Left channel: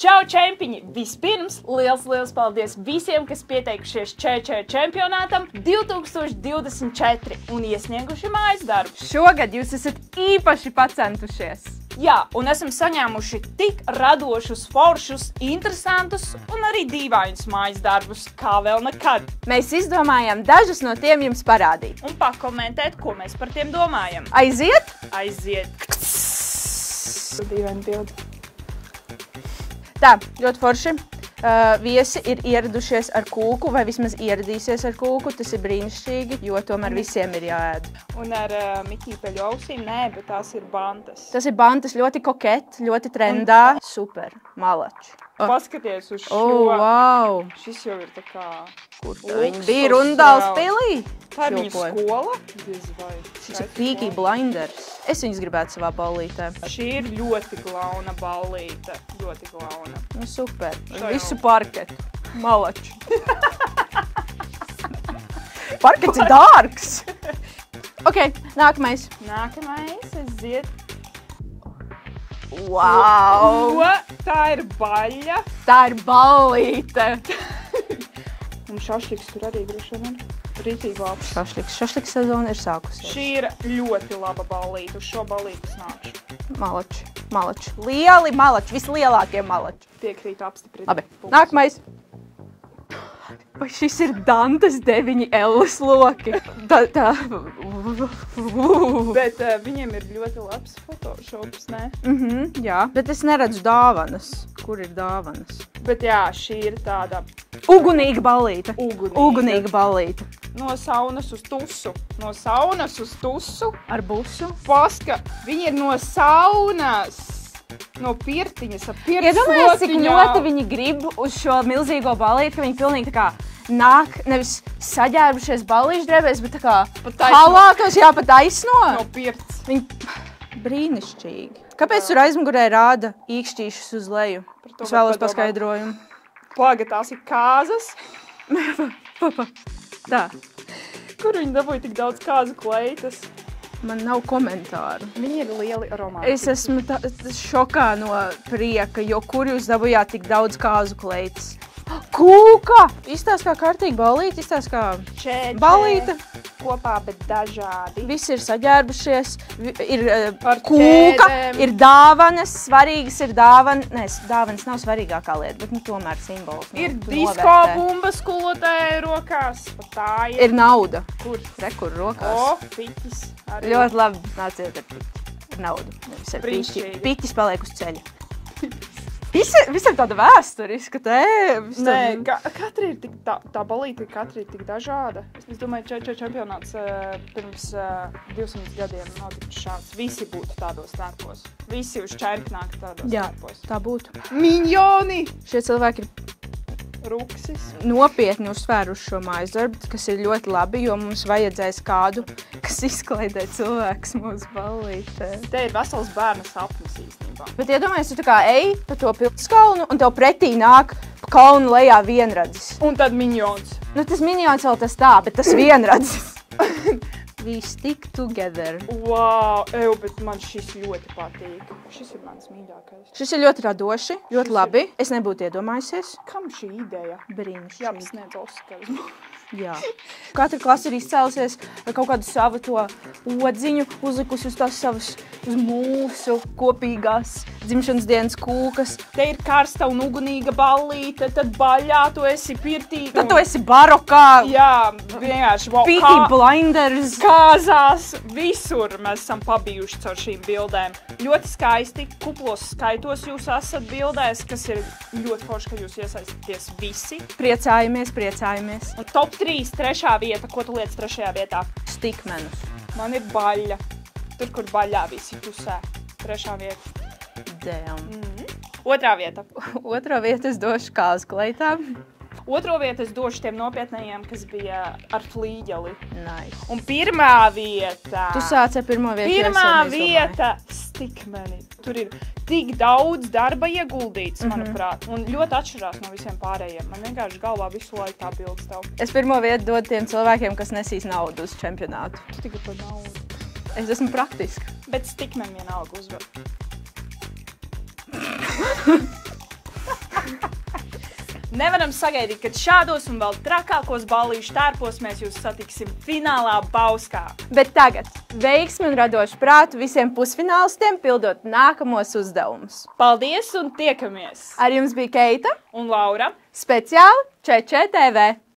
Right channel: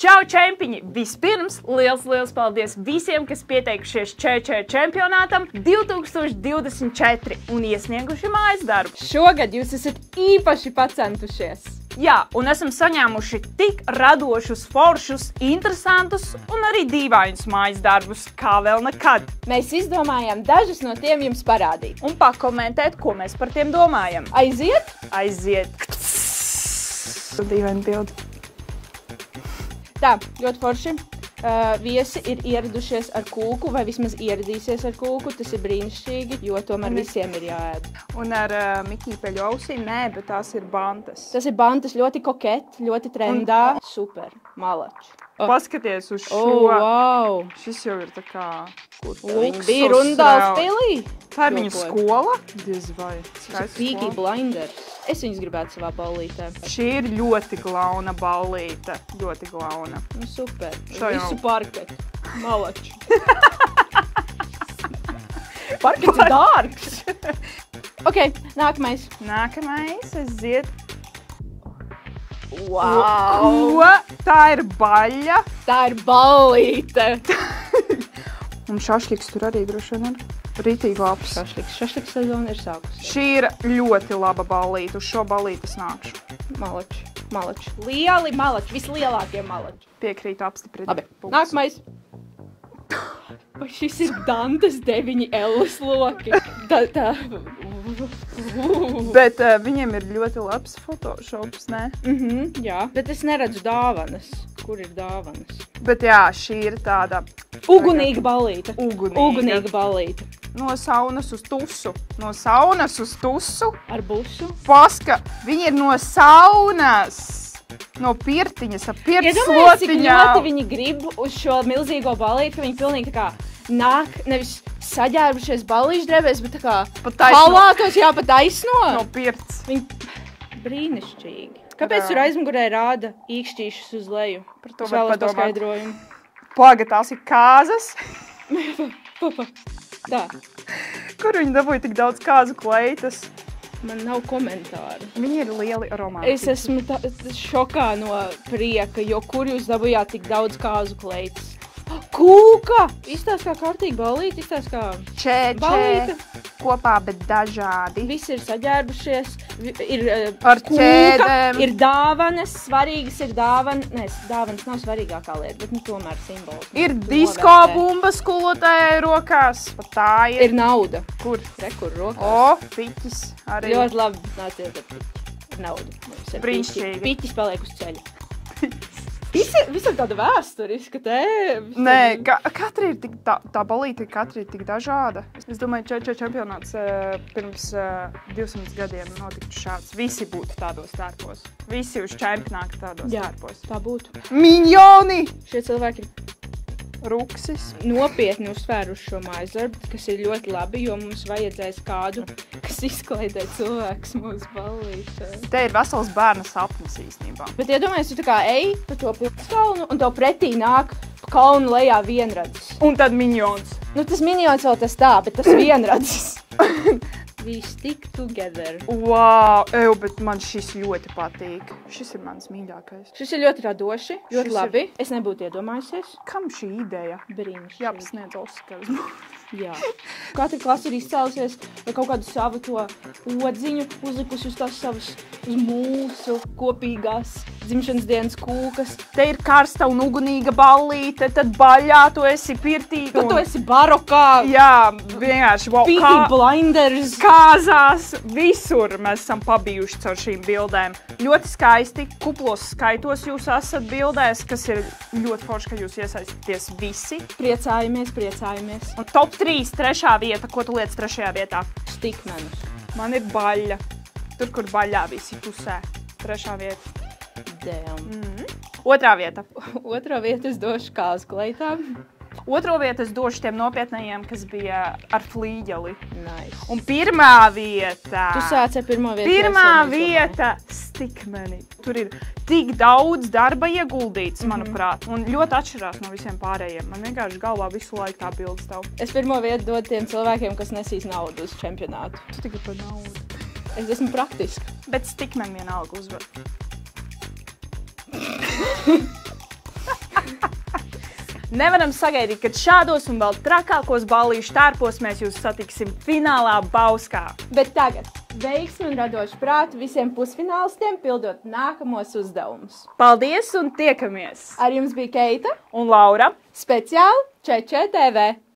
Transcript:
Čau, čempiņi! Vispirms liels paldies visiem, kas pieteikušies čempionātam 2024 un iesnieguši mājas darbu. Šogad jūs esat īpaši pacentušies. Jā, un esam saņēmuši tik radošus, foršus, interesantus un arī dīvainus mājas darbus, kā vēl nekad. Mēs izdomājām dažus no tiem jums parādīt. Un pakomentēt, ko mēs par tiem domājam. Aiziet? Aiziet! Dīvaini bildi. Tā, ļoti forši. Viesi ir ieradušies ar kūku, vai vismaz ieradīsies ar kūku. Tas ir brīnišķīgi, jo tomēr visiem ir jāēd. Un ar mikīpeļu ausīm? Nē, bet tās ir bantas. Tas ir bantas, ļoti koketi, ļoti trendā. Super, malači. Paskaties uz šo. Wow. Šis jau ir tā kā... Kur viņi bija Rundāls pilī? Tā ir viņa skola? Diez vai. Šis ir Peaky Blinders. Es viņus gribētu savā ballītē. Šī ir ļoti glauna ballīte. Ļoti glauna. Nu, super. Visu parketu. Malači. Parkets ir dārgs. Ok, nākamais. Nākamais, aiziet. Wow. Ko? Tā ir baļa. Tā ir ballīte. Un šašliks tur arī droši vien ir. Rītīgi labs. Šašliks sezona ir sākusies. Šī ir ļoti laba ballīte. Uz šo ballīti es nākšu. Malači. Lieli malači. Vislielākie malači. Piekrītu apstiprināt. Labi. Nākamais. Vai šis ir Dantas 9L loki? Tā. Bet viņiem ir ļoti labs photoshops, ne? Jā. Bet es neredzu dāvanas. Kur ir dāvanas? Bet jā, šī ir tāda... Ugunīga ballīte. Ugunīga ballīte. No saunas uz tusu. No saunas uz tusu. Ar busu. Paska, viņi ir no saunas. No pirtiņas, ar pirtslotiņām. Iedomājies, cik ļoti viņi grib uz šo milzīgo ballīti, ka viņi pilnīgi tā kā nāk, nevis saģērbušies ballīšu drēbēs, bet tā kā halātos, jā, pat aizsno. No pirts. Viņi brīnišķīgi. Kāpēc tur aizmugurē rāda īkšķīšus uz leju? Es vēlos paskaidrojumu. Plaga, tās ir kāzas. Tā. Kur viņi dabūja tik daudz kāzu kleitas? Man nav komentāru. Viņi ir lieli romantiski. Es esmu šokā no prieka, jo kur jūs dabūjāt tik daudz kāzu kleitas? Kūka! Izstāst kā kārtīgi ballīte, izstāst kā ballīte. Kopā, bet dažādi. Visi ir saģērbušies, ir ar kūka, ķēdēm. Ir dāvanas, svarīgas ir dāvanas. Nē, dāvanas nav svarīgākā lieta, bet tomēr simbols. Ir disko bumba skolotāja rokās. Tā ir. Ir nauda. Kur? Kur rokās. Piķis arī. Ļoti labi, nāciet ar piķi. Ar naudu. Brīnišķīgi. Piķis paliek uz ceļa. Visam tāda vēsturiska tēma. Nē, katra ir tik, tā ballīte katra ir tik dažāda. Es domāju, čempionāts pirms 200 gadiem notika šāds. Visi būtu tādos tērpos. Visi uz čempionātu tādos tērpos. Jā, tā būtu. Miņoni! Šie cilvēki ir Ruksis. Nopietni uzsvēruši šo mājas darbu, kas ir ļoti labi, jo mums vajadzēs kādu, kas izklaidē cilvēks mūsu ballītē. Te ir vesels bērna sapnis īstenībā. Bet iedomājies, tu tā kā ej pa to pilskalnu un tev pretī nāk kalnu lejā vienradzis. Un tad miņons. Nu, tas miņons vēl tas tā, bet tas vienradzis. We stick together. Wow, bet man šis ļoti patīk. Šis ir mans mīļākais. Šis ir ļoti radoši, ļoti labi. Es nebūtu iedomājusies. Kam šī ideja? Brīnišķīgi. Jāpasniedz Oskars. Jā. Katra klase ir izcēlusies ar kaut kādu savu to odziņu, uzlikusi uz tās savas, uz mūsu kopīgās dzimšanas dienas kūkas. Te ir karsta un ugunīga ballīte, tad baļā tu esi pirtī. Tad tu esi barokā. Jā, vienkārši. Peaky Blinders. Kāzās, visur mēs esam pabijuši caur šīm bildēm. Ļoti skaisti, kuplos skaitos jūs esat bildēs, kas ir ļoti forši, ka jūs iesaistāties visi. Priecājamies. Un top 3, 3. vieta, ko tu lietas 3. vietā? Stikmenus. Man ir baļa. Tur, kur baļā visi pusē. 3. vieta. Damn. 2. vieta. 2. vieta es došu kāzu kleitām. 2. vietu es došu tiem nopietnējiem, kas bija ar flīģeli. Nice. Un 1. vieta. Tu sāc ar 1. vietu. 1. vieta stikmeni. Tur ir tik daudz darba ieguldīts, manuprāt. Un ļoti atšķirās no visiem pārējiem. Man vienkārši galvā visu laiku tā bilde stāv. Es 1. vietu dodu tiem cilvēkiem, kas nesīs naudu uz čempionātu. Tu tikai par naudu. Es esmu praktiska. Bet stikmeni vienalga uzvar. Nevaram sagaidīt, ka šādos un vēl trakākos ballīšu tērpos mēs jūs satiksim finālā Bauskā. Bet tagad veiksmi un radošu prātu visiem pusfinālistiem pildot nākamos uzdevumus. Paldies un tiekamies! Ar jums bija Keita Un Laura! speciāli ČČ TV.